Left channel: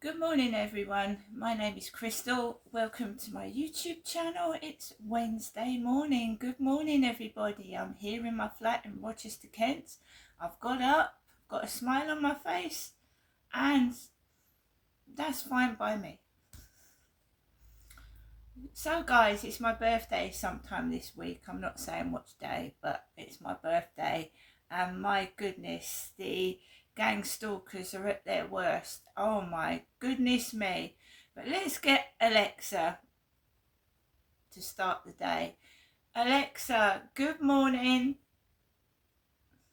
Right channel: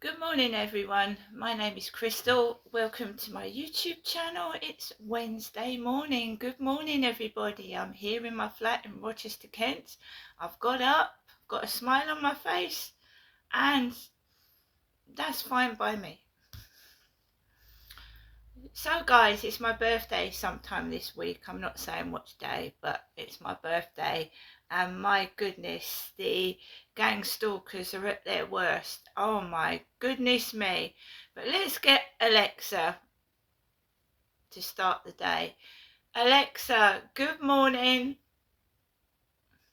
Good morning everyone, my name is Crystal. Welcome to my YouTube channel. It's Wednesday morning. Good morning everybody. I'm here in my flat in Rochester, Kent. I've got up, got a smile on my face, and that's fine by me. So guys, it's my birthday sometime this week. I'm not saying which day, but it's my birthday, and my goodness, the gang stalkers are at their worst. Oh my goodness me. But let's get Alexa to start the day. Alexa, good morning.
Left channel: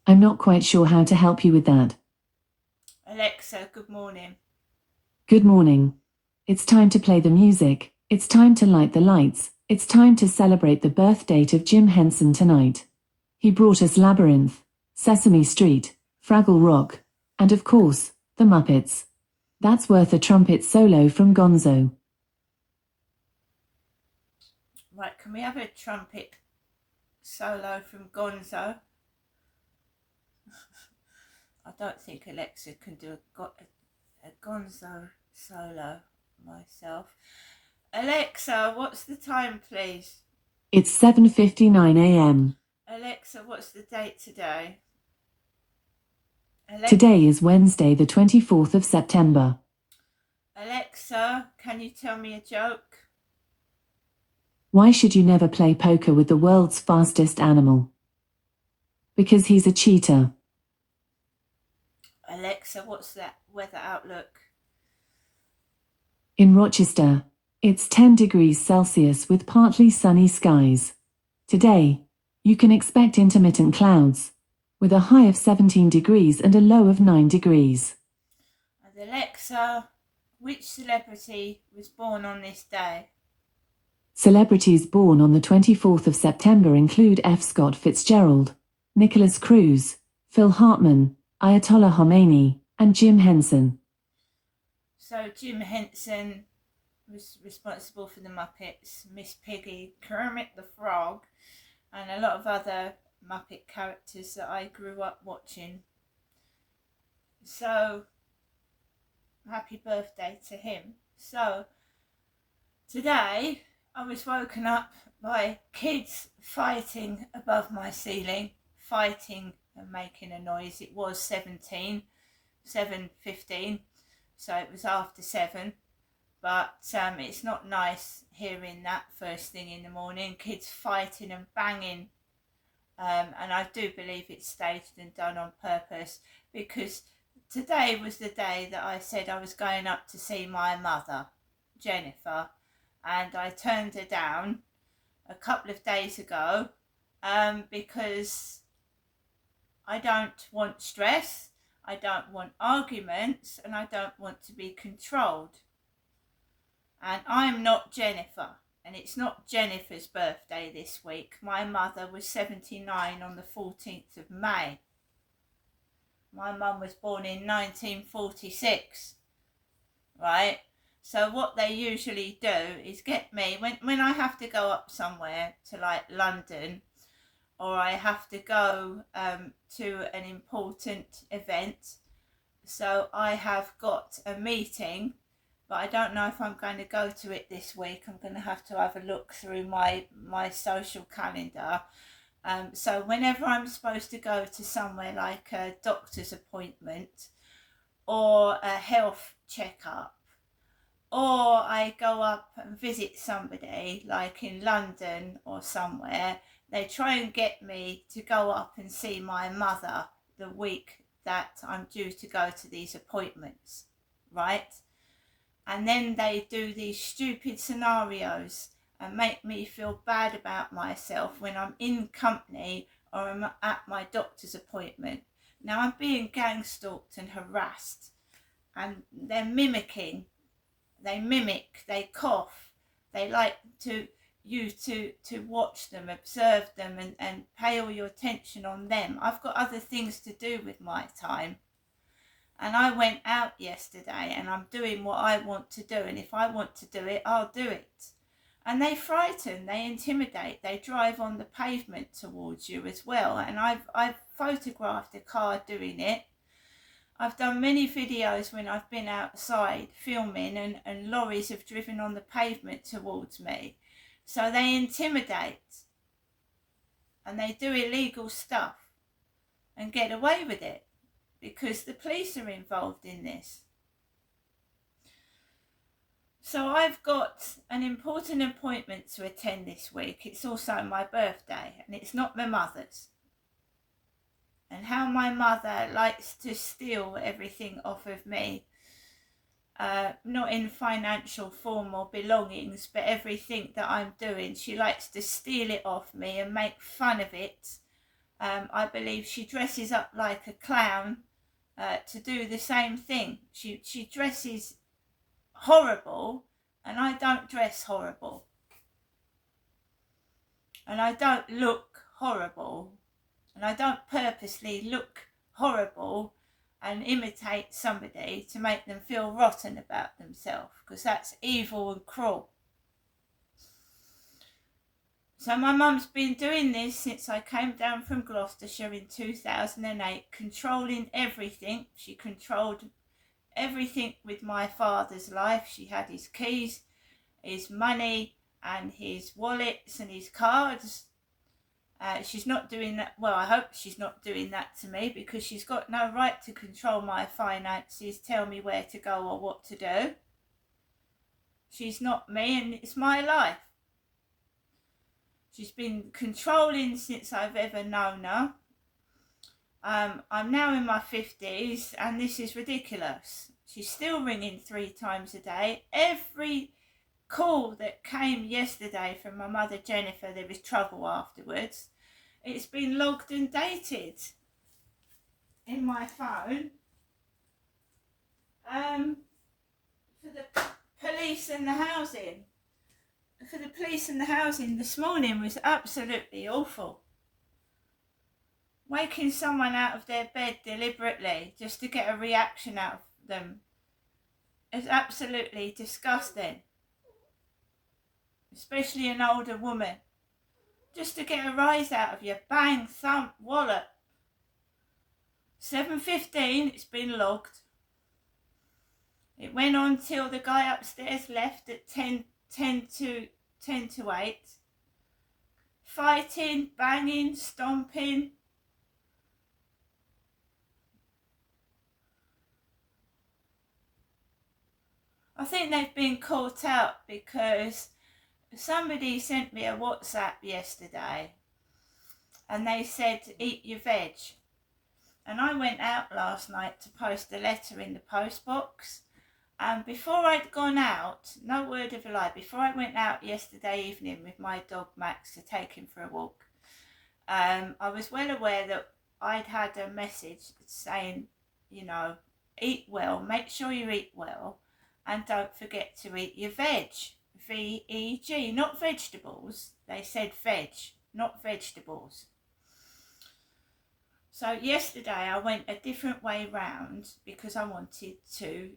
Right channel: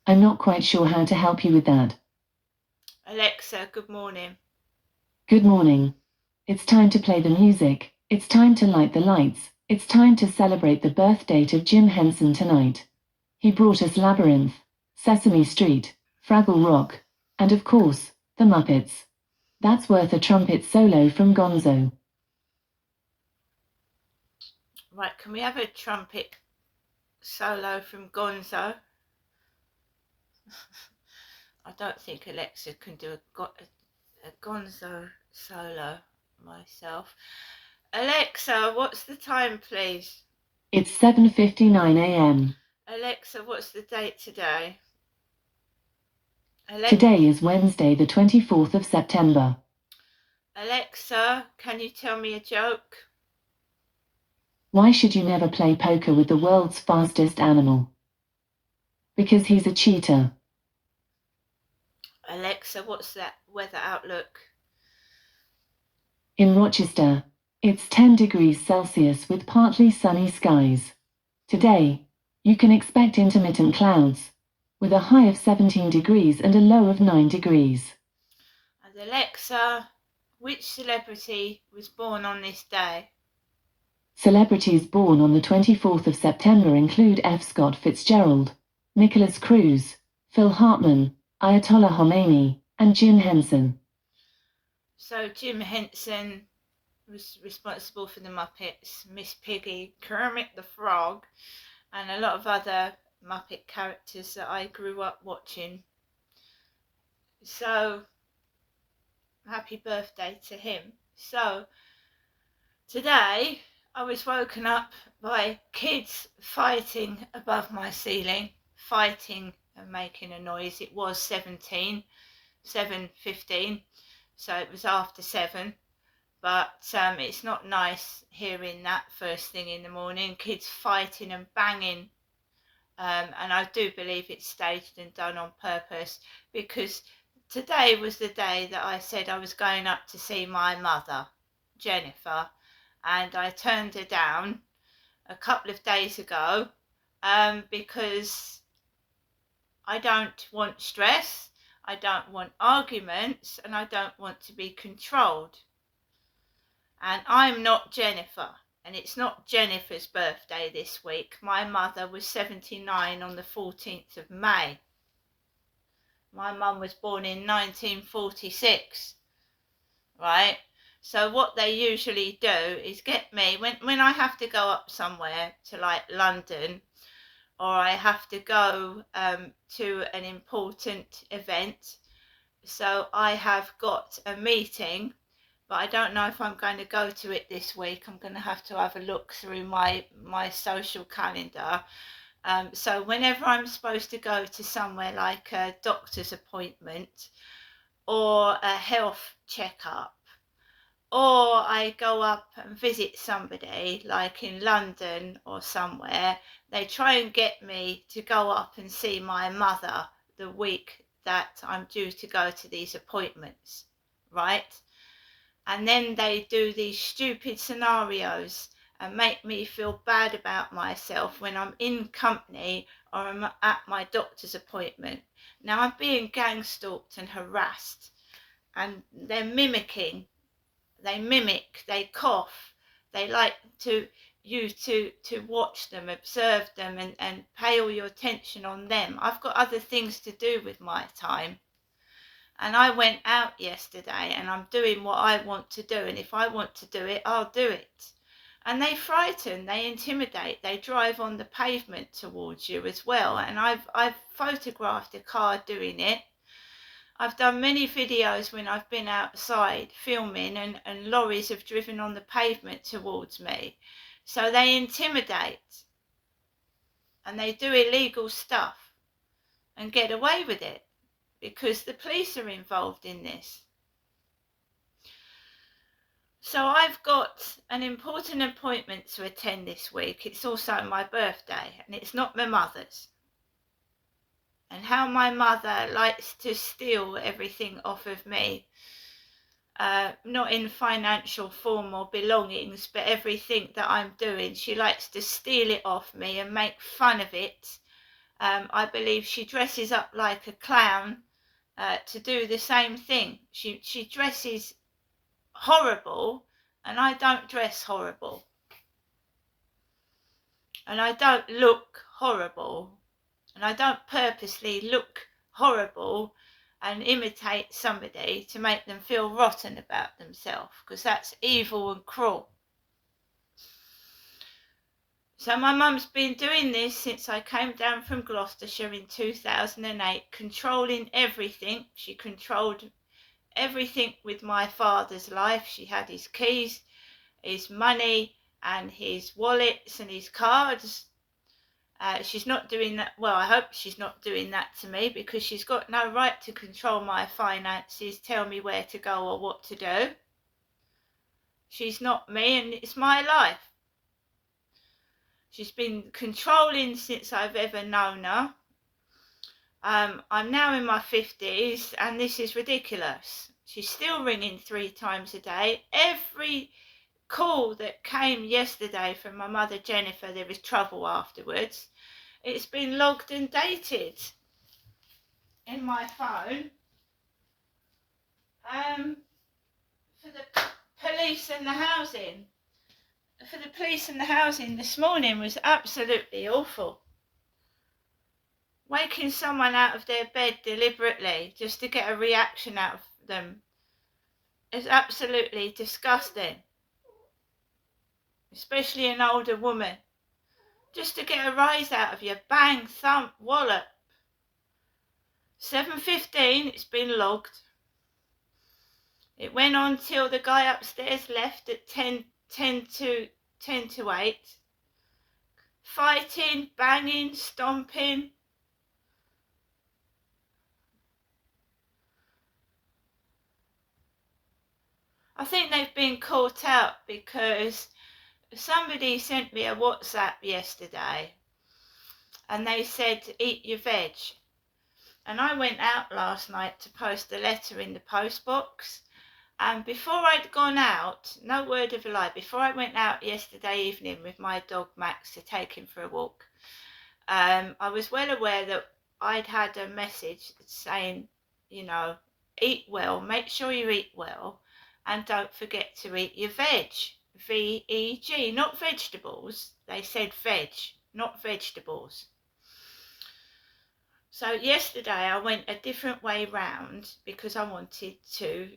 I'm not quite sure how to help you with that. Alexa, good morning. Good morning. It's time to play the music. It's time to light the lights. It's time to celebrate the birth date of Jim Henson tonight. He brought us Labyrinth, Sesame Street, Fraggle Rock, and of course, the Muppets. That's worth a trumpet solo from Gonzo. Right, can we have a trumpet solo from Gonzo? I don't think Alexa can do a Gonzo solo myself. Alexa, what's the time, please? It's 7:59 a.m. Alexa, what's the date today? Today is Wednesday, the 24th of September. Alexa, can you tell me a joke? Why should you never play poker with the world's fastest animal? Because he's a cheater. Alexa, what's that weather outlook? In Rochester, it's 10 degrees Celsius with partly sunny skies. Today, you can expect intermittent clouds, with a high of 17 degrees and a low of 9 degrees. And Alexa, which celebrity was born on this day? Celebrities born on the 24th of September include F. Scott Fitzgerald, Nicholas Cruz, Phil Hartman, Ayatollah Khomeini, and Jim Henson. So Jim Henson was responsible for the Muppets, Miss Piggy, Kermit the Frog, and a lot of other Muppet characters that I grew up watching. So happy birthday to him. So today I was woken up by kids fighting above my ceiling, fighting and making a noise. It was 7:15, so it was after 7. But it's not nice hearing that first thing in the morning, kids fighting and banging. And I do believe it's staged and done on purpose, because today was the day that I said I was going up to see my mother, Jennifer, and I turned her down a couple of days ago because I don't want stress, I don't want arguments, and I don't want to be controlled. And I'm not Jennifer, and it's not Jennifer's birthday this week. My mother was 79 on the 14th of May. My mum was born in 1946, right? So what they usually do is get me, when I have to go up somewhere to like London, or I have to go to an important event. So I have got a meeting, but I don't know if I'm going to go to it this week. I'm going to have a look through my social calendar. So whenever I'm supposed to go to somewhere like a doctor's appointment or a health checkup, or I go up and visit somebody like in London or somewhere, they try and get me to go up and see my mother the week that I'm due to go to these appointments, right? And then they do these stupid scenarios and make me feel bad about myself when I'm in company or I'm at my doctor's appointment. Now I'm being gang stalked and harassed, and they're mimic, they cough, they like you to watch them, observe them, and pay all your attention on them. I've got other things to do with my time. And I went out yesterday and I'm doing what I want to do. And if I want to do it, I'll do it. And they frighten, they intimidate, they drive on the pavement towards you as well. And I've photographed a car doing it. I've done many videos when I've been outside filming and lorries have driven on the pavement towards me. So they intimidate and they do illegal stuff and get away with it because the police are involved in this. So I've got an important appointment to attend this week. It's also my birthday and it's not my mother's. And how my mother likes to steal everything off of me, not in financial form or belongings, but everything that I'm doing, she likes to steal it off me and make fun of it. I believe she dresses up like a clown to do the same thing. She dresses horrible and I don't dress horrible. And I don't look horrible. And I don't purposely look horrible and imitate somebody to make them feel rotten about themselves, because that's evil and cruel. So my mum's been doing this since I came down from Gloucestershire in 2008, controlling everything. She controlled everything with my father's life. She had his keys, his money and his wallets and his cards. She's not doing that. Well, I hope she's not doing that to me, because she's got no right to control my finances, tell me where to go or what to do. She's not me and it's my life. She's been controlling since I've ever known her. I'm now in my 50s and this is ridiculous. She's still ringing 3 times a day. Every call that came yesterday from my mother Jennifer, there was trouble afterwards. It's been logged and dated in my phone for the police and the housing. For the police and the housing this morning was absolutely awful. Waking someone out of their bed deliberately just to get a reaction out of them is absolutely disgusting. Especially an older woman. Just to get a rise out of you. Bang, thump, wallop. 7:15, it's been logged. It went on till the guy upstairs left at 10 to 8. Fighting, banging, stomping. I think they've been caught out because somebody sent me a WhatsApp yesterday and they said, eat your veg. And I went out last night to post a letter in the post box. And before I'd gone out, no word of a lie, before I went out yesterday evening with my dog Max to take him for a walk, I was well aware that I'd had a message saying, you know, eat well, make sure you eat well, and don't forget to eat your veg. V-E-G, not vegetables. They said veg, not vegetables. So yesterday I went a different way round because I wanted to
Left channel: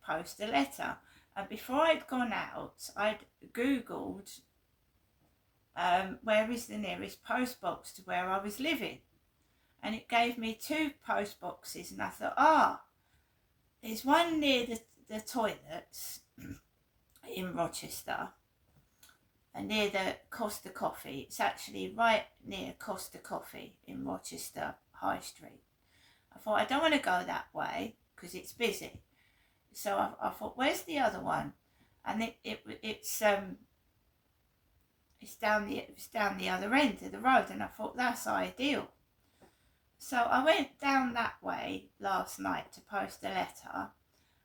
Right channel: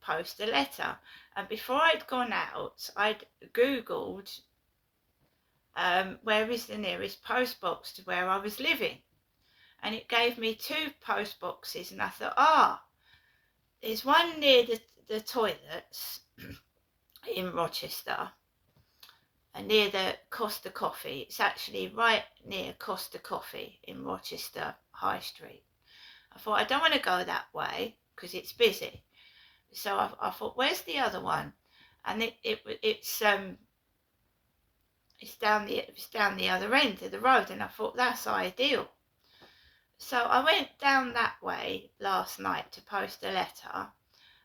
post a letter. And before I'd gone out, I'd Googled where is the nearest post box to where I was living. And it gave me 2 post boxes and I thought, there's one near the toilets in Rochester and near the Costa Coffee. It's actually right near Costa Coffee in Rochester High Street. I thought I don't want to go that way because it's busy. So I thought, where's the other one? And it's down the other end of the road, and I thought that's ideal. So I went down that way last night to post a letter,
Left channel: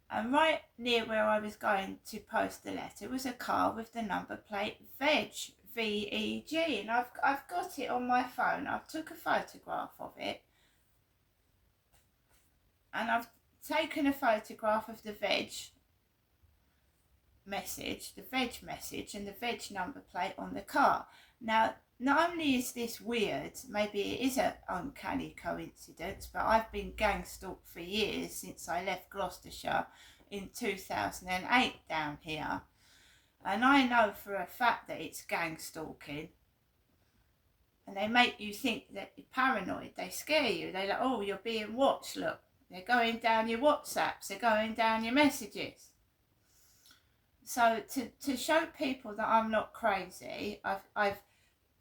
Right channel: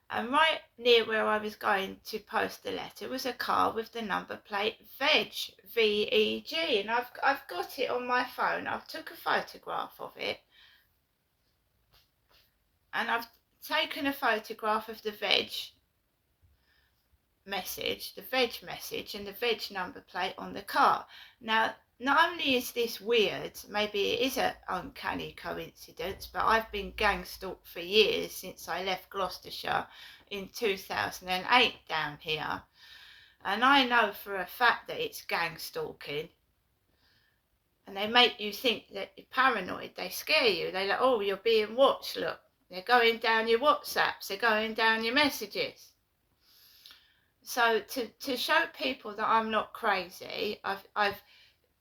and right near where I was going to post the letter was a car with the number plate veg, V-E-G, and I've got it on my phone. I've took a photograph of it, and I've taken a photograph of the veg message and the veg number plate on the car. Now, not only is this weird, maybe it is an uncanny coincidence, but I've been gang stalked for years since I left Gloucestershire in 2008 down here. And I know for a fact that it's gang stalking. And they make you think that you're paranoid. They scare you. They're like, oh, you're being watched, look. They're going down your WhatsApps. They're going down your messages. So to show people that I'm not crazy, I've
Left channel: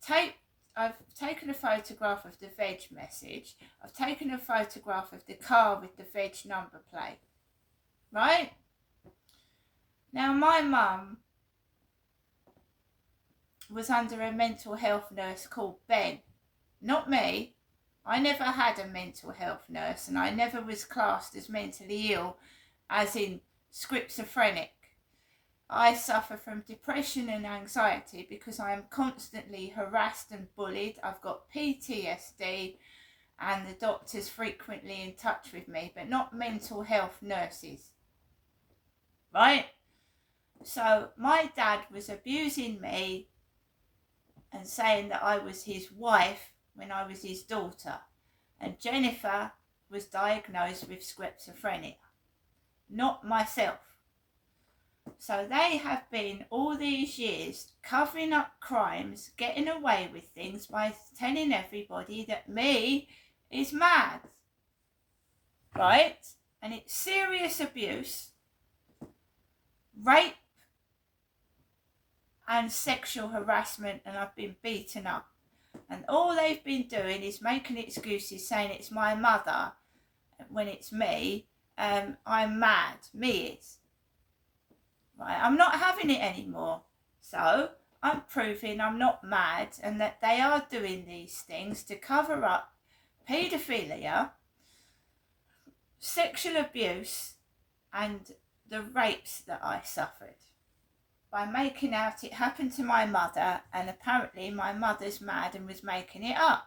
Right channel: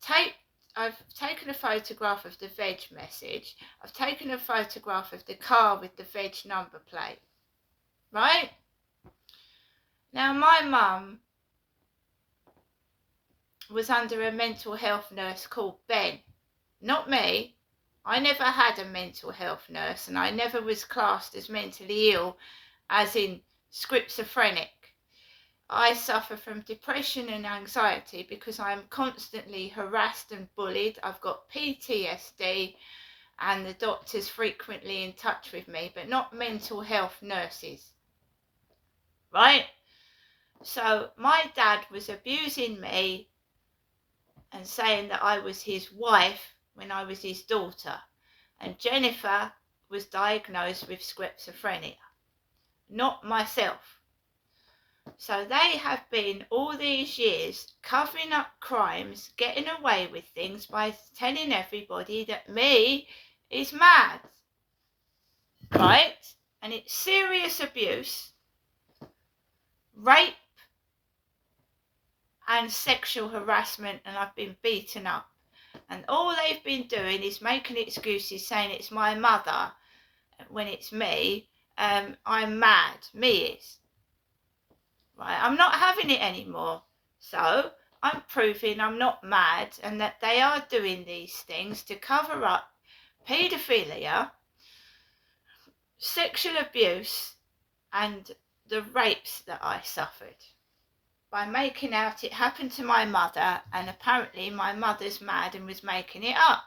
taken a photograph of the veg message. I've taken a photograph of the car with the veg number plate. Right? Now, my mum was under a mental health nurse called Ben. Not me. I never had a mental health nurse, and I never was classed as mentally ill, as in schizophrenic. I suffer from depression and anxiety because I am constantly harassed and bullied. I've got PTSD, and the doctor's frequently in touch with me, but not mental health nurses. Right? So my dad was abusing me and saying that I was his wife when I was his daughter. And Jennifer was diagnosed with schizophrenia, not myself. So they have been all these years covering up crimes, getting away with things by telling everybody that me is mad. Right? And it's serious abuse, rape, and sexual harassment, and I've been beaten up. And all they've been doing is making excuses, saying it's my mother when it's me. I'm mad. Me is. Right? I'm not having it anymore. So I'm proving I'm not mad, and that they are doing these things to cover up paedophilia, sexual abuse, and the rapes that I suffered, by making out it happened to my mother, and apparently my mother's mad and was making it up.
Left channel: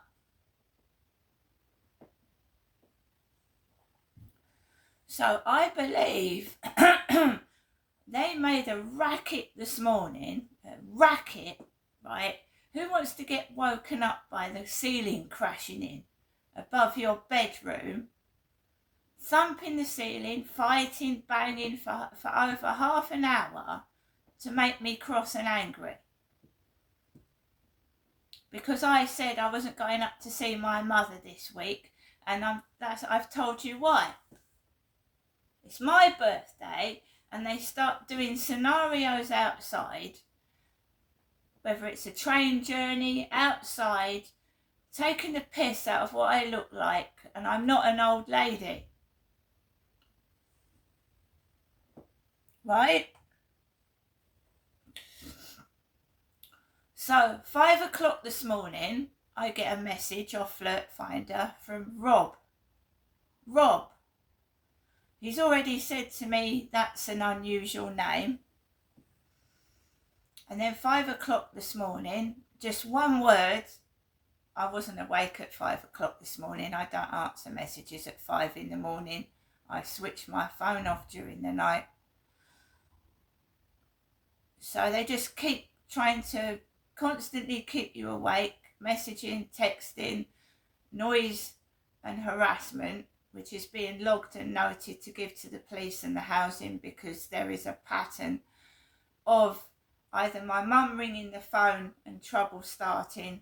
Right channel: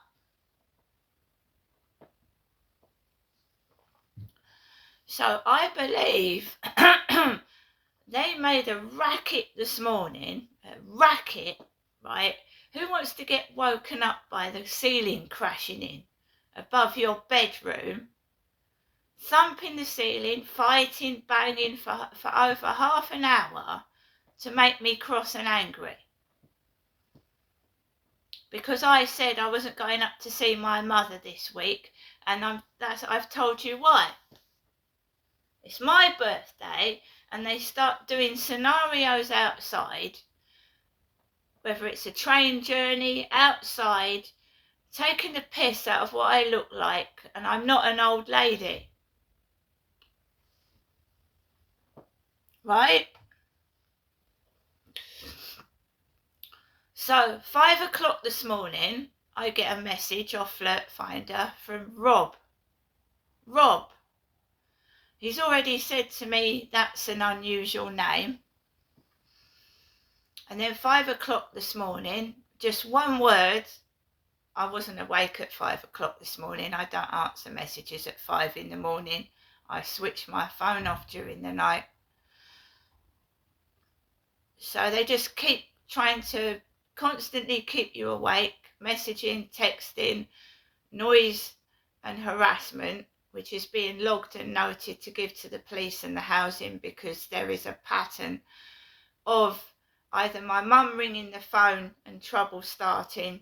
So I believe they made a racket this morning, a racket, right? Who wants to get woken up by the ceiling crashing in above your bedroom, thumping the ceiling, fighting, banging for over half an hour to make me cross and angry? Because I said I wasn't going up to see my mother this week, and I've told you why. It's my birthday, and they start doing scenarios outside, whether it's a train journey, outside, taking the piss out of what I look like, and I'm not an old lady. Right? So 5 o'clock this morning, I get a message off Flirt Finder from Rob. Rob. He's already said to me that's an unusual name. And then 5 o'clock this morning, just one word. I wasn't awake at 5 o'clock this morning. I don't answer messages at 5 in the morning. I switch my phone off during the night. So they just keep trying to constantly keep you awake, messaging, texting, noise and harassment, which is being logged and noted to give to the police and the housing, because there is a pattern of either my mum ringing the phone and trouble starting,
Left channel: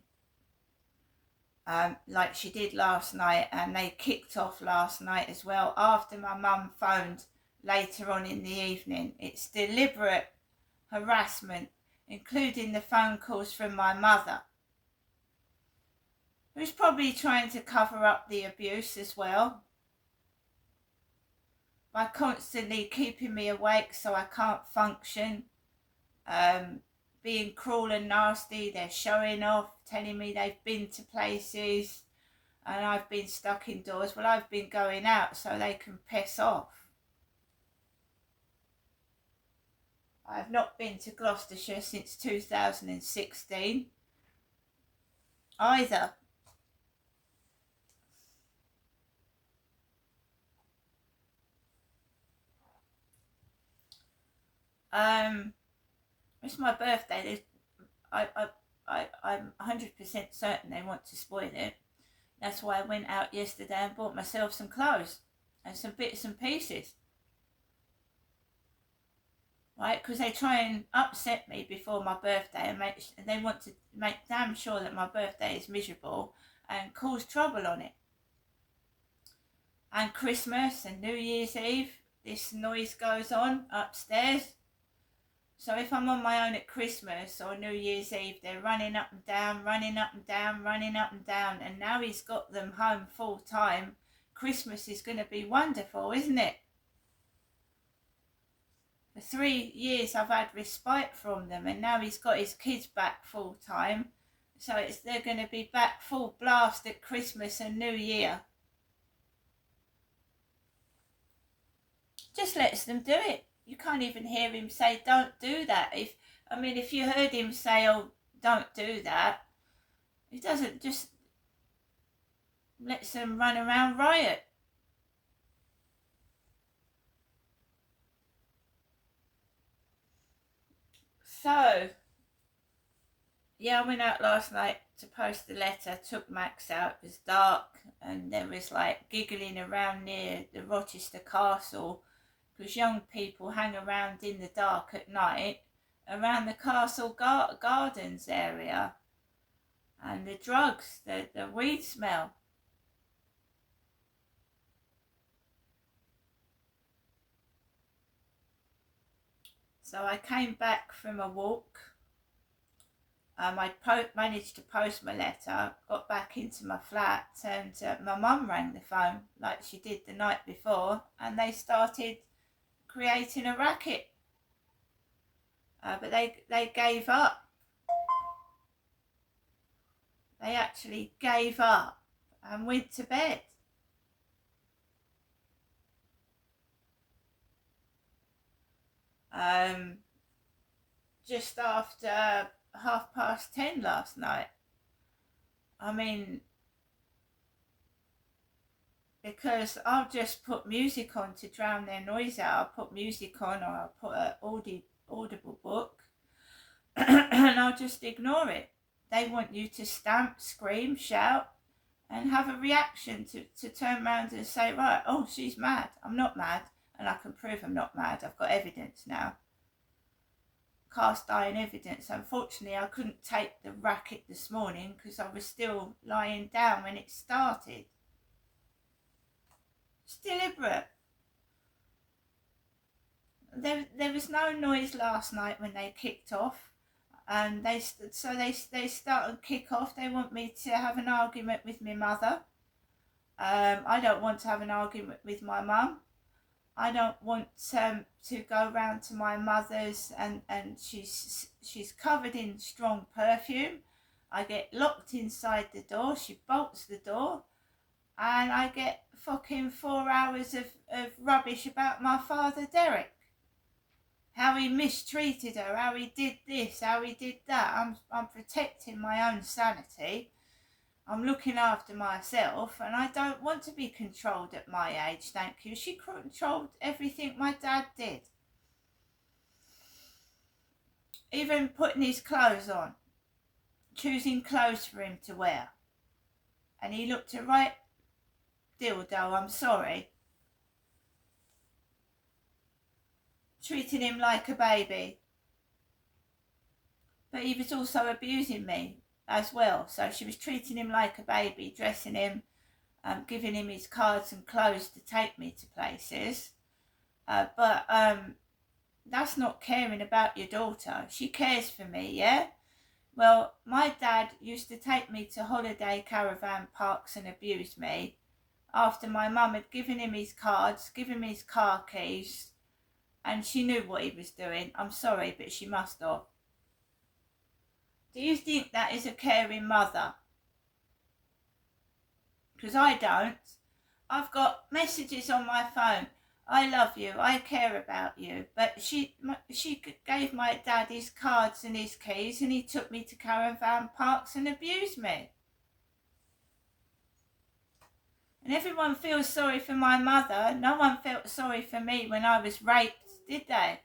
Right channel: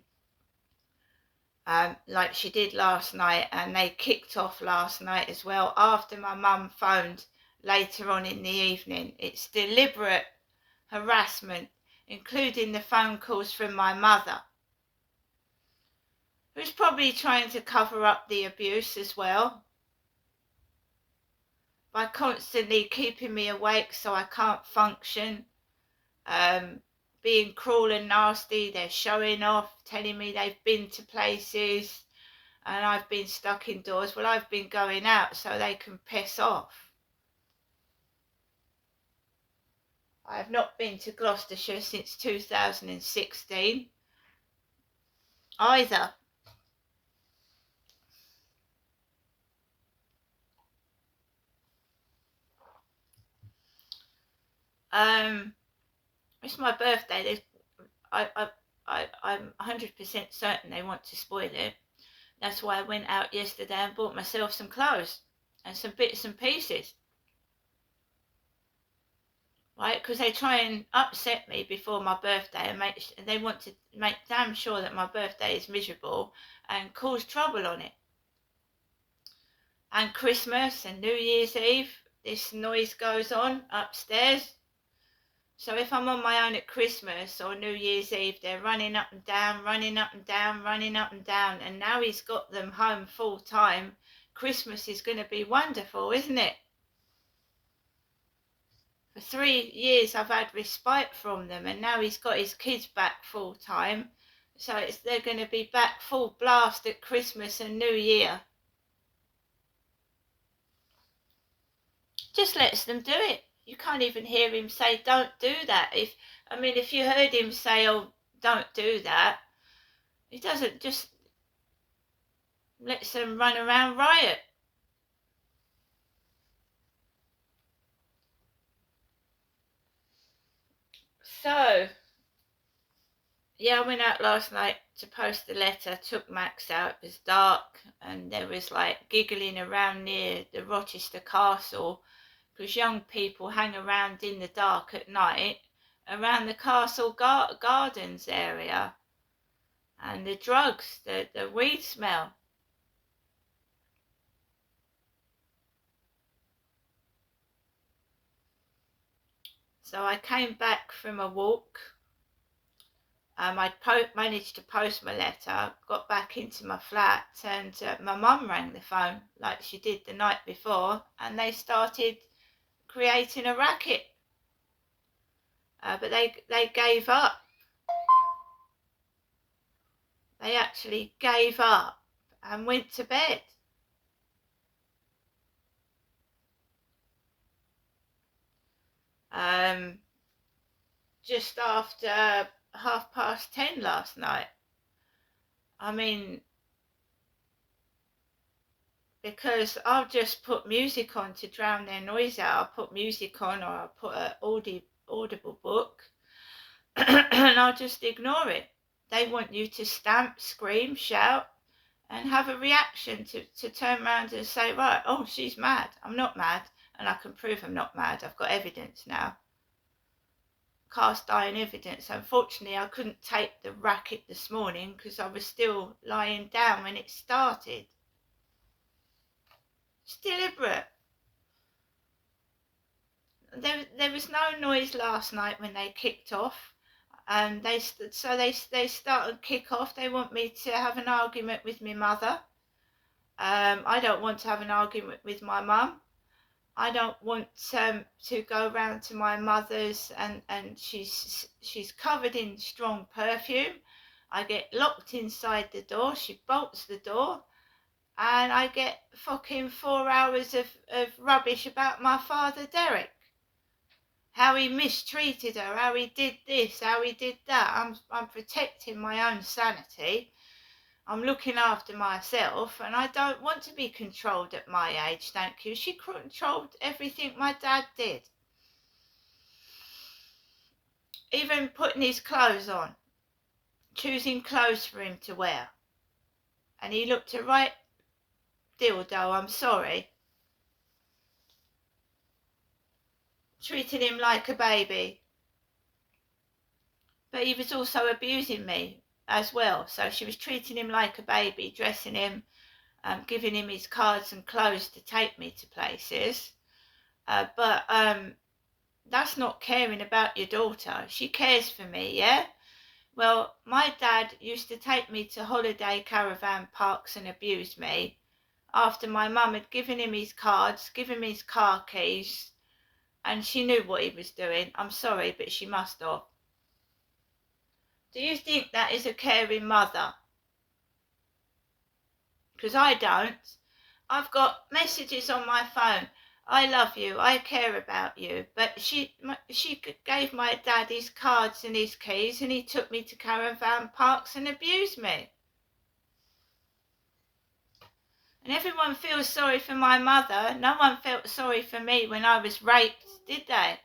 like she did last night, and they kicked off last night as well after my mum phoned later on in the evening. It's deliberate harassment, including the phone calls from my mother, who's probably trying to cover up the abuse as well, by constantly keeping me awake so I can't function, being cruel and nasty. They're showing off, telling me they've been to places, and I've been stuck indoors. Well, I've been going out so they can piss off. I have not been to Gloucestershire since 2016 either. It's my birthday. I'm 100% certain they want to spoil it. That's why I went out yesterday and bought myself some clothes and some bits and pieces. Right? Because they try and upset me before my birthday, and they want to make damn sure that my birthday is miserable and cause trouble on it. And Christmas and New Year's Eve, this noise goes on upstairs. So if I'm on my own at Christmas or New Year's Eve, they're running up and down, running up and down, running up and down. And now he's got them home full time. Christmas is going to be wonderful, isn't it? For 3 years I've had respite from them, and now he's got his kids back full time. So they're going to be back full blast at Christmas and New Year. Just lets them do it. You can't even hear him say, don't do that. If you heard him say, oh, don't do that, he doesn't, just lets them run around riot. So, yeah, I went out last night to post a letter, took Max out. It was dark and there was like giggling around near the Rochester Castle, because young people hang around in the dark at night around the castle gardens area. And the drugs, the weed smell. So I came back from a walk. I managed to post my letter, got back into my flat, and my mum rang the phone like she did the night before, and they started creating a racket. But they gave up. They actually gave up and went to bed. Just after 10:30 last night. Because I'll just put music on to drown their noise out. I'll put music on, or I'll put an audible book and I'll just ignore it. They want you to stamp, scream, shout, and have a reaction to turn around and say, right, oh, she's mad. I'm not mad, and I can prove I'm not mad. I've got evidence now. Cast iron evidence. Unfortunately, I couldn't tape the racket this morning because I was still lying down when it started. It's deliberate. There was no noise last night when they kicked off, and they start and kick off. They want me to have an argument with my mother. I don't want to have an argument with my mum. I don't want to go round to my mother's and she's covered in strong perfume. I get locked inside the door. She bolts the door. And I get fucking 4 hours of rubbish about my father, Derek. How he mistreated her, how he did this, how he did that. I'm protecting my own sanity. I'm looking after myself, and I don't want to be controlled at my age, thank you. She controlled everything my dad did. Even putting his clothes on, choosing clothes for him to wear. And he looked a right dildo, I'm sorry. Treating him like a baby. But he was also abusing me as well. So she was treating him like a baby, dressing him, giving him his cards and clothes to take me to places. But that's not caring about your daughter. She cares for me, yeah? Well, my dad used to take me to holiday caravan parks and abuse me after my mum had given him his cards, given him his car keys, and she knew what he was doing. I'm sorry, but she must have. Do you think that is a caring mother? Because I don't. I've got messages on my phone. I love you, I care about you. But she gave my dad his cards and his keys, and he took me to caravan parks and abused me. And everyone feels sorry for my mother. No one felt sorry for me when I was raped, did they?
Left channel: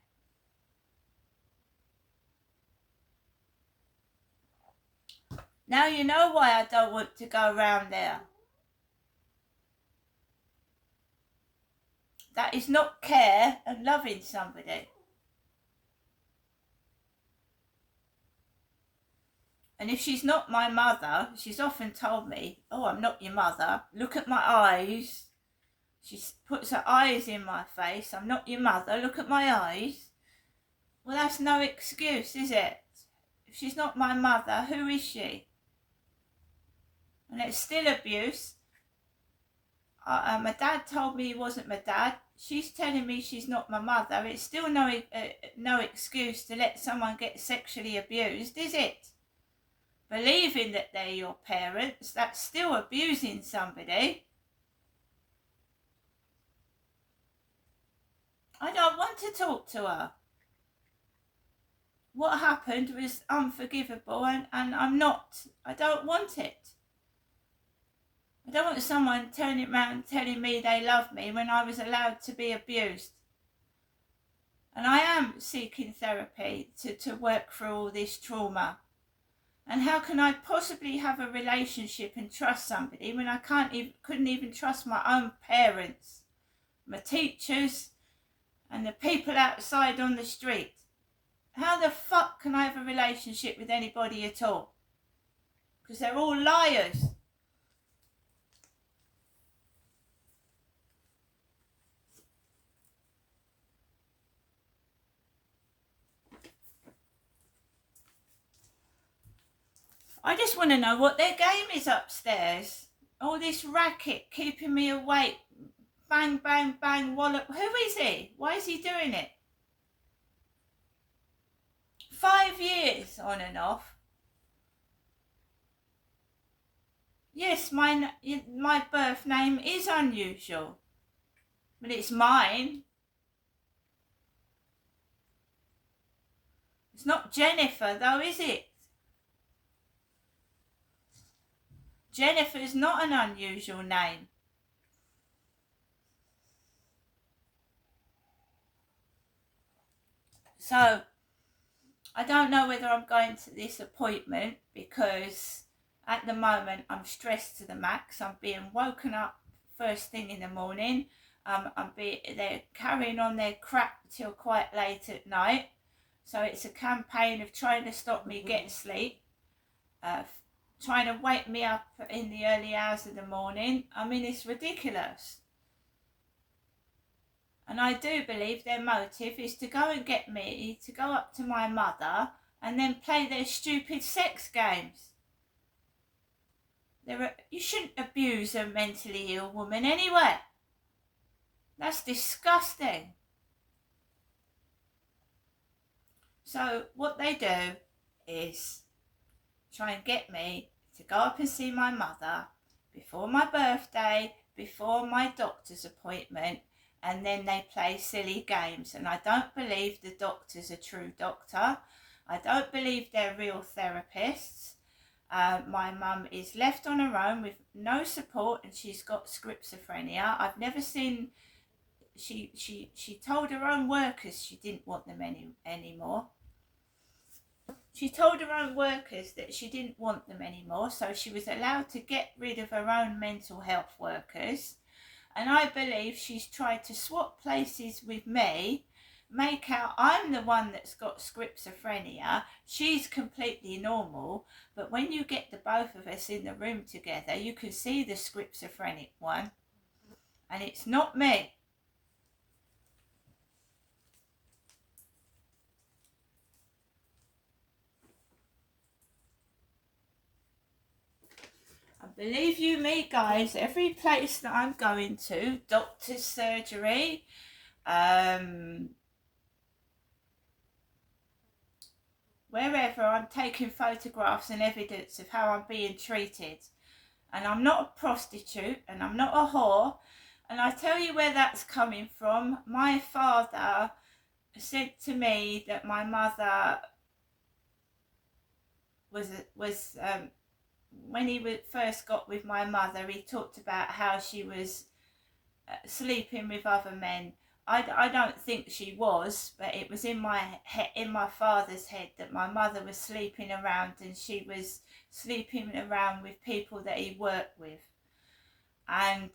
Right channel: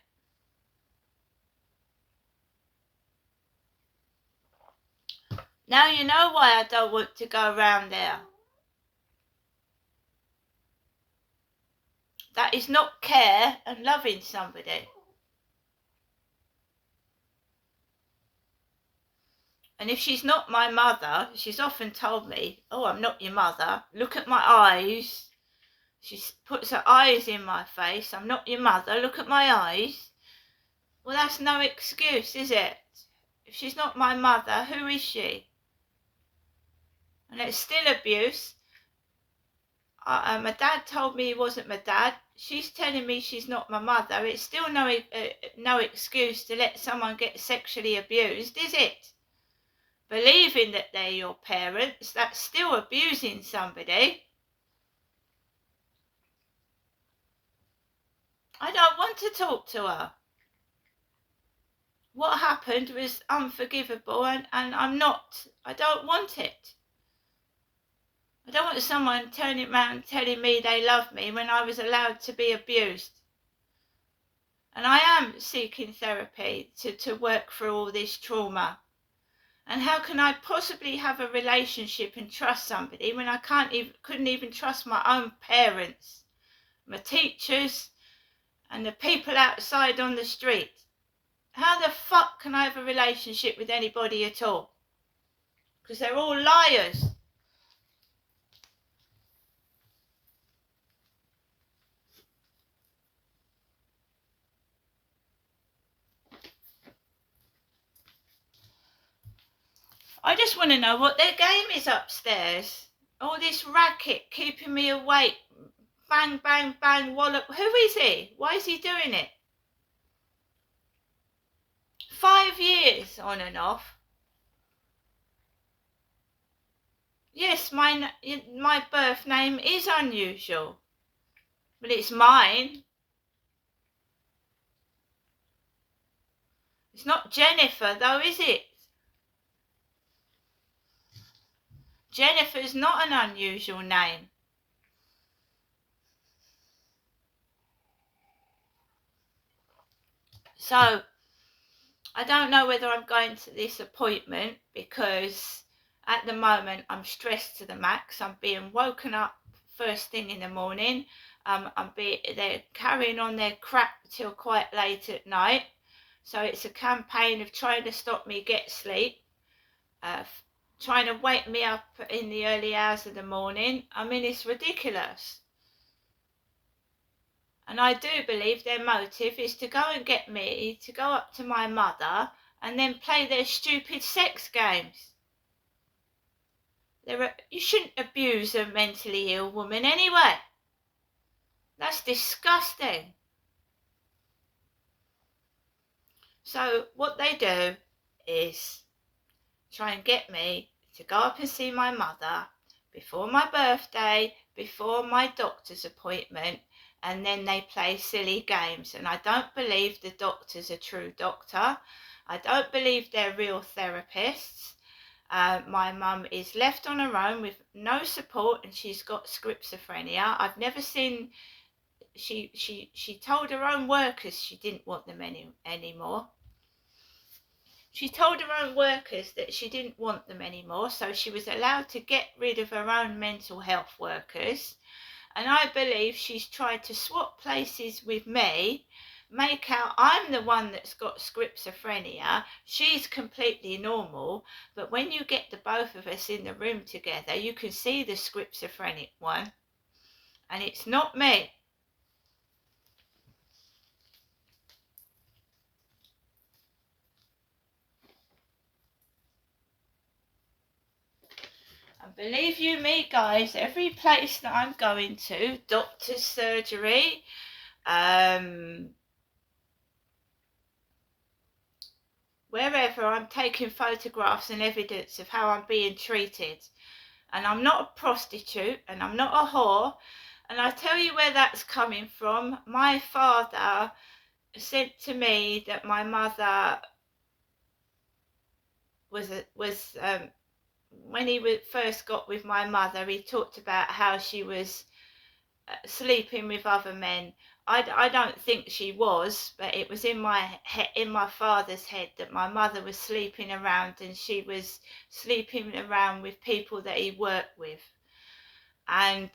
Now you know why I don't want to go round there. That is not care and loving somebody. And if she's not my mother, she's often told me, oh, I'm not your mother. Look at my eyes. She puts her eyes in my face. I'm not your mother. Look at my eyes. Well, that's no excuse, is it? If she's not my mother, who is she? And it's still abuse. My dad told me he wasn't my dad. She's telling me she's not my mother. It's still no excuse to let someone get sexually abused, is it? Believing that they're your parents, that's still abusing somebody. I don't want to talk to her. What happened was unforgivable, and I don't want it. I don't want someone turning around telling me they love me when I was allowed to be abused. And I am seeking therapy to work through all this trauma. And how can I possibly have a relationship and trust somebody when I couldn't even trust my own parents, my teachers, and the people outside on the street? How the fuck can I have a relationship with anybody at all? Because they're all liars. I just want to know what their game is upstairs. All this racket keeping me awake. Bang, bang, bang, wallop. Who is he? Why is he doing it? 5 years on and off. Yes, my birth name is unusual, but it's mine. It's not Jennifer though, is it? Jennifer's not an unusual name. So, I don't know whether I'm going to this appointment because at the moment I'm stressed to the max. I'm being woken up first thing in the morning. They're carrying on their crap till quite late at night. So it's a campaign of trying to stop me get sleep, trying to wake me up in the early hours of the morning. I mean, it's ridiculous. And I do believe their motive is to go and get me to go up to my mother and then play their stupid sex games. You shouldn't abuse a mentally ill woman anyway. That's disgusting. So what they do is try and get me to go up and see my mother before my birthday, before my doctor's appointment, and then they play silly games. And I don't believe the doctor's a true doctor. I don't believe they're real therapists. My mum is left on her own with no support, and she's got schizophrenia. I've never seen. She told her own workers she didn't want them anymore. She told her own workers that she didn't want them anymore, so she was allowed to get rid of her own mental health workers. And I believe she's tried to swap places with me, make out I'm the one that's got schizophrenia. She's completely normal, but when you get the both of us in the room together, you can see the schizophrenic one, and it's not me. And believe you me, guys, every place that I'm going to, doctor's surgery, wherever, I'm taking photographs and evidence of how I'm being treated. And I'm not a prostitute and I'm not a whore. And I tell you where that's coming from. My father said to me that my mother was when he first got with my mother, he talked about how she was sleeping with other men. I don't think she was, but it was in my father's head that my mother was sleeping around, and she was sleeping around with people that he worked with. And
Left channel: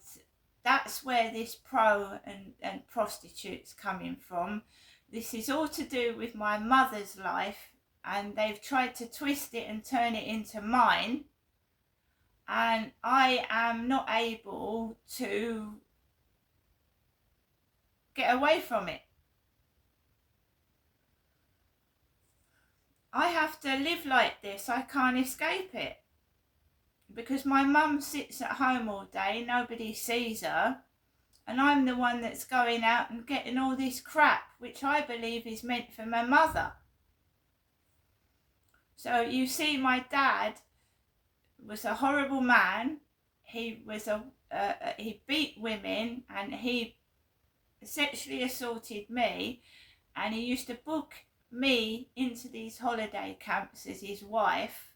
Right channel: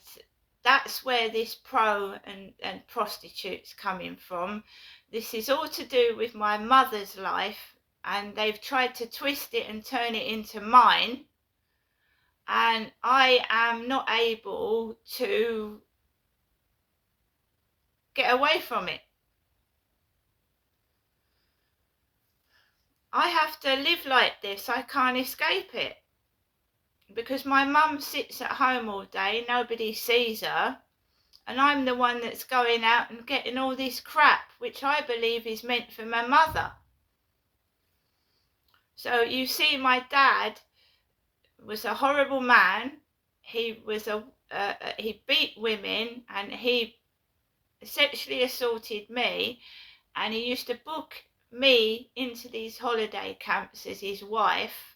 that's where this pro and prostitutes coming from. This is all to do with my mother's life, and they've tried to twist it and turn it into mine. And I am not able to get away from it. I have to live like this. I can't escape it. Because my mum sits at home all day, nobody sees her, and I'm the one that's going out and getting all this crap, which I believe is meant for my mother. So you see, my dad was a horrible man. He was he beat women, and he sexually assaulted me, and he used to book me into these holiday camps as his wife.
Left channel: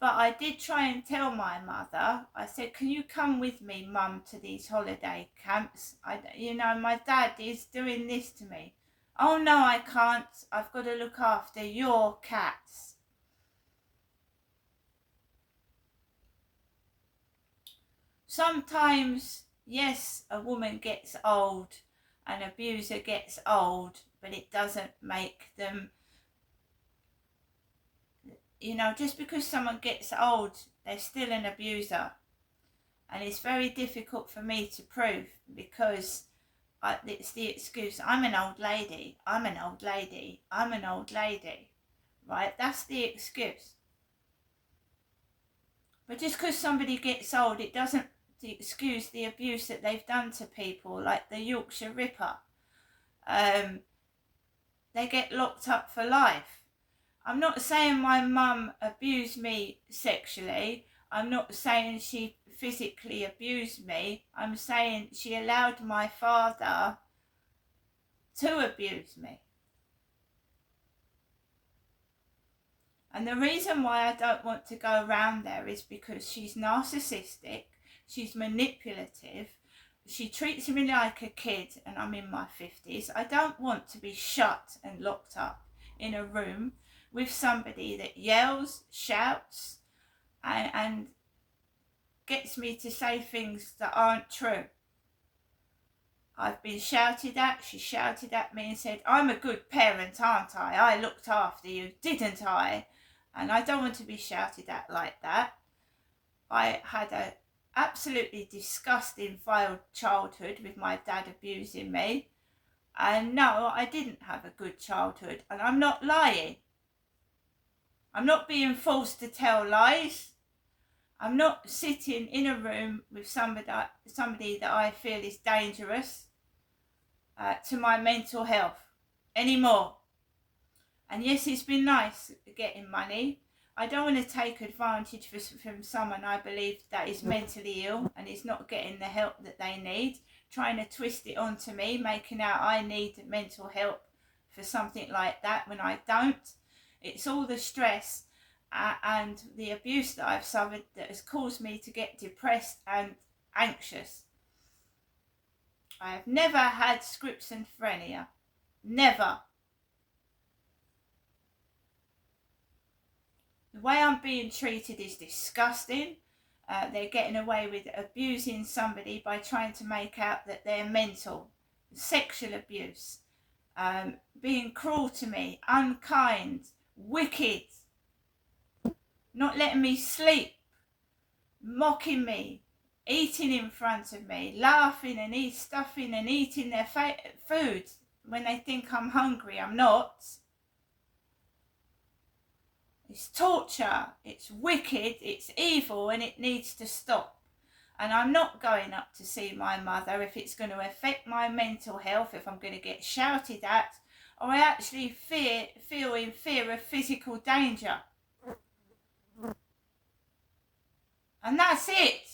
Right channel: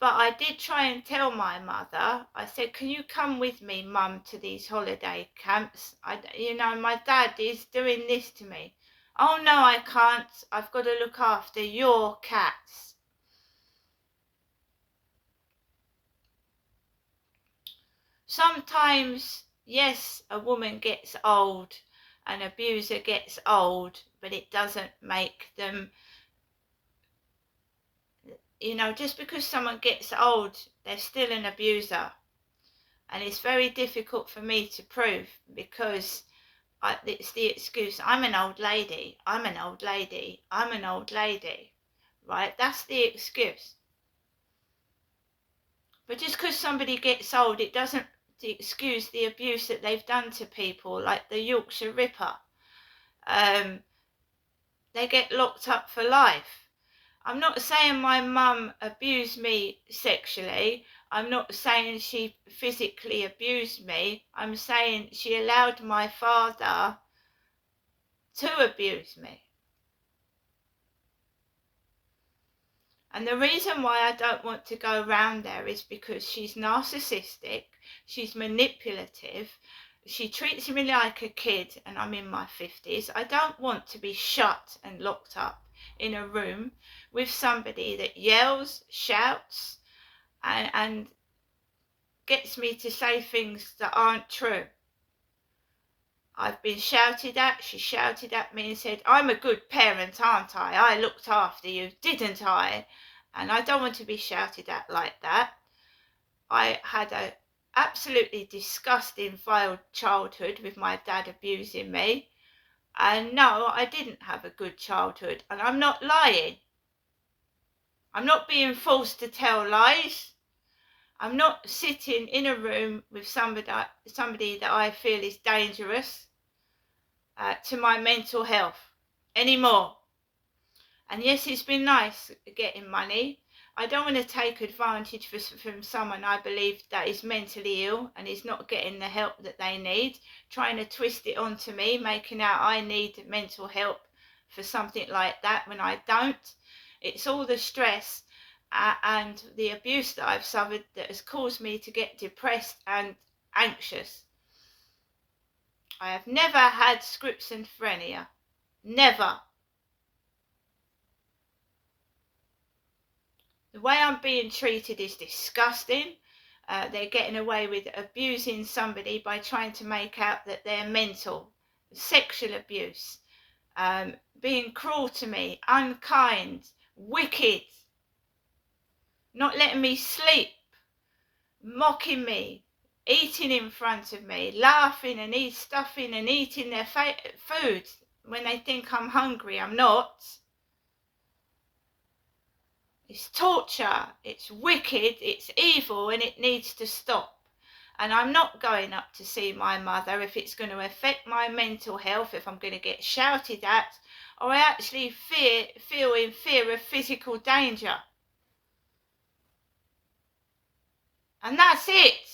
But I did try and tell my mother. I said, can you come with me, Mum, to these holiday camps? My dad is doing this to me. Oh, no, I can't. I've got to look after your cats. Sometimes, yes, a woman gets old, an abuser gets old, but it doesn't make them, just because someone gets old, they're still an abuser. And it's very difficult for me to prove because it's the excuse, I'm an old lady, I'm an old lady, I'm an old lady, right? That's the excuse. But just because somebody gets old, it doesn't excuse the abuse that they've done to people, like the Yorkshire Ripper. They get locked up for life. I'm not saying my mum abused me sexually. I'm not saying she physically abused me. I'm saying she allowed my father to abuse me. And the reason why I don't want to go around there is because she's narcissistic, she's manipulative, she treats me like a kid, and I'm in my 50s. I don't want to be shut and locked up in a room with somebody that yells, shouts, and gets me to say things that aren't true. I've been shouted at. She shouted at me and said, I'm a good parent, aren't I? I looked after you, didn't I? And I don't want to be shouted at like that. I had a absolutely disgusting, vile childhood with my dad abusing me. And no, I didn't have a good childhood. And I'm not lying. I'm not being forced to tell lies. I'm not sitting in a room with somebody that I feel is dangerous to my mental health anymore. And yes, it's been nice getting money. I don't want to take advantage from someone I believe that is mentally ill and is not getting the help that they need, trying to twist it onto me, making out I need mental help for something like that when I don't. It's all the stress and the abuse that I've suffered that has caused me to get depressed and anxious. I have never had schizophrenia. Never. The way I'm being treated is disgusting. They're getting away with abusing somebody by trying to make out that they're mental. Sexual abuse. Being cruel to me, unkind, wicked. Not letting me sleep. Mocking me. Eating in front of me. Laughing and stuffing and eating their food when they think I'm hungry. I'm not. It's torture, it's wicked, it's evil, and it needs to stop. And I'm not going up to see my mother if it's going to affect my mental health, if I'm going to get shouted at, or I actually feel in fear of physical danger. And that's it.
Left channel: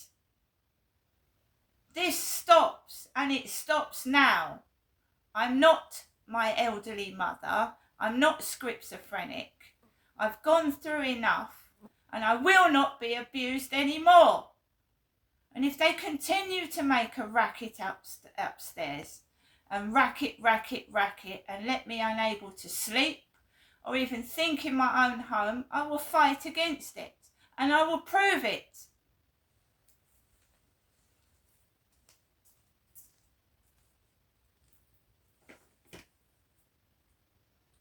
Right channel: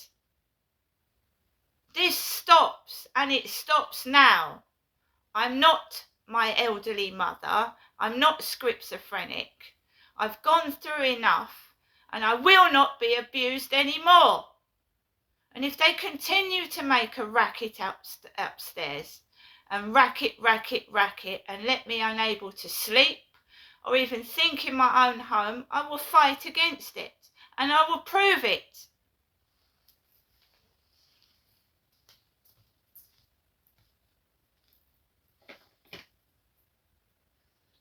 This stops, and it stops now. I'm not my elderly mother. I'm not schizophrenic. I've gone through enough, and I will not be abused anymore. And if they continue to make a racket upstairs, and racket, and let me unable to sleep, or even think in my own home, I will fight against it, and I will prove it.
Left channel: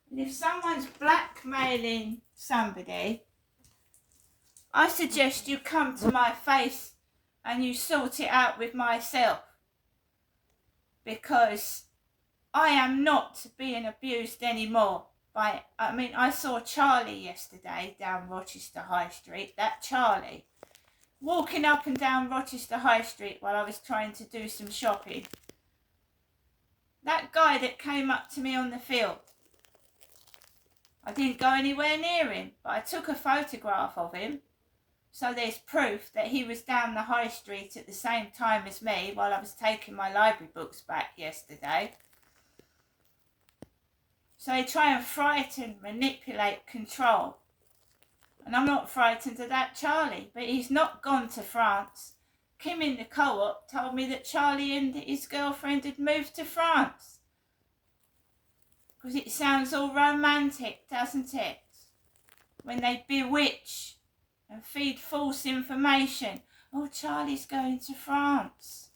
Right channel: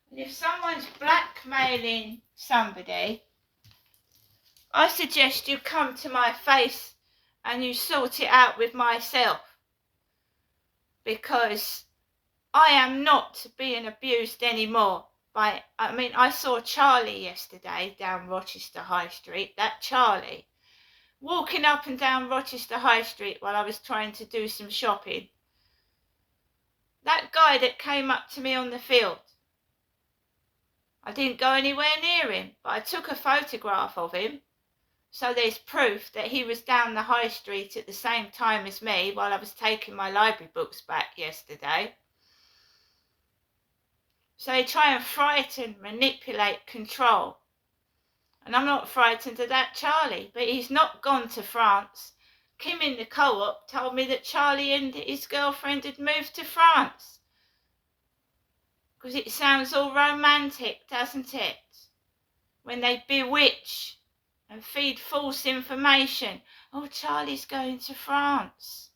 And if someone's blackmailing somebody, I suggest you come to my face and you sort it out with myself. because I am not being abused anymore. I saw Charlie yesterday down Rochester High Street, that Charlie, walking up and down Rochester High Street while I was trying to do some shopping. That guy that came up to me on the field, I didn't go anywhere near him, but I took a photograph of him, so there's proof that he was down the high street at the same time as me while I was taking my library books back yesterday. So they try and frighten, manipulate, control. And I'm not frightened of that Charlie, but he's not gone to France. Kim in the co-op told me that Charlie and his girlfriend had moved to France. Because it sounds all romantic, doesn't it? When they bewitch and feed false information. Oh, Charlie's going to France,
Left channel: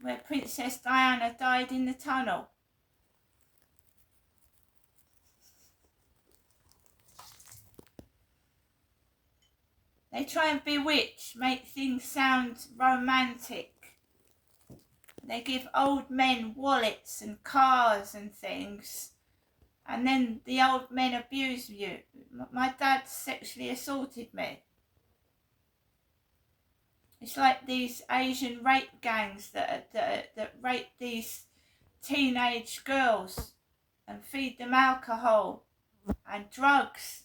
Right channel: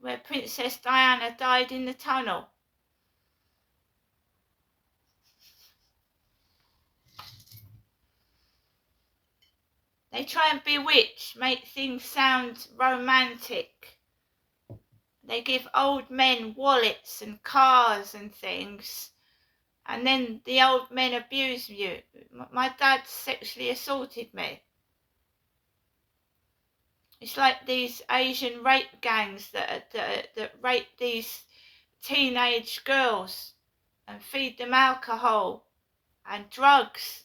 where Princess Diana died in the tunnel. They try and bewitch, make things sound romantic. They give old men wallets and cars and things, and then the old men abuse you. My dad sexually assaulted me. It's like these Asian rape gangs that rape these teenage girls and feed them alcohol and drugs.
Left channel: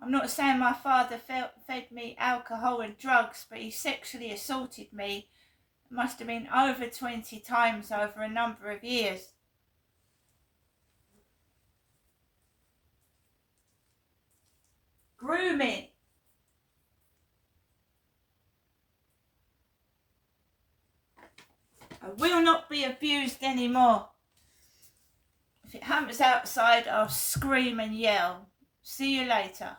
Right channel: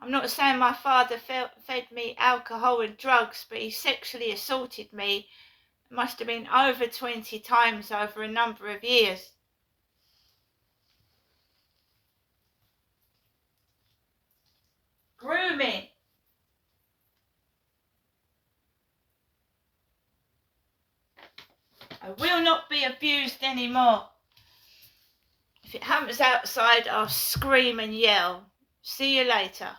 I'm not saying my father fed me alcohol and drugs, but he sexually assaulted me. It must have been over 20 times over a number of years. Grooming. I will not be abused anymore. If it happens outside, I'll scream and yell. See you later.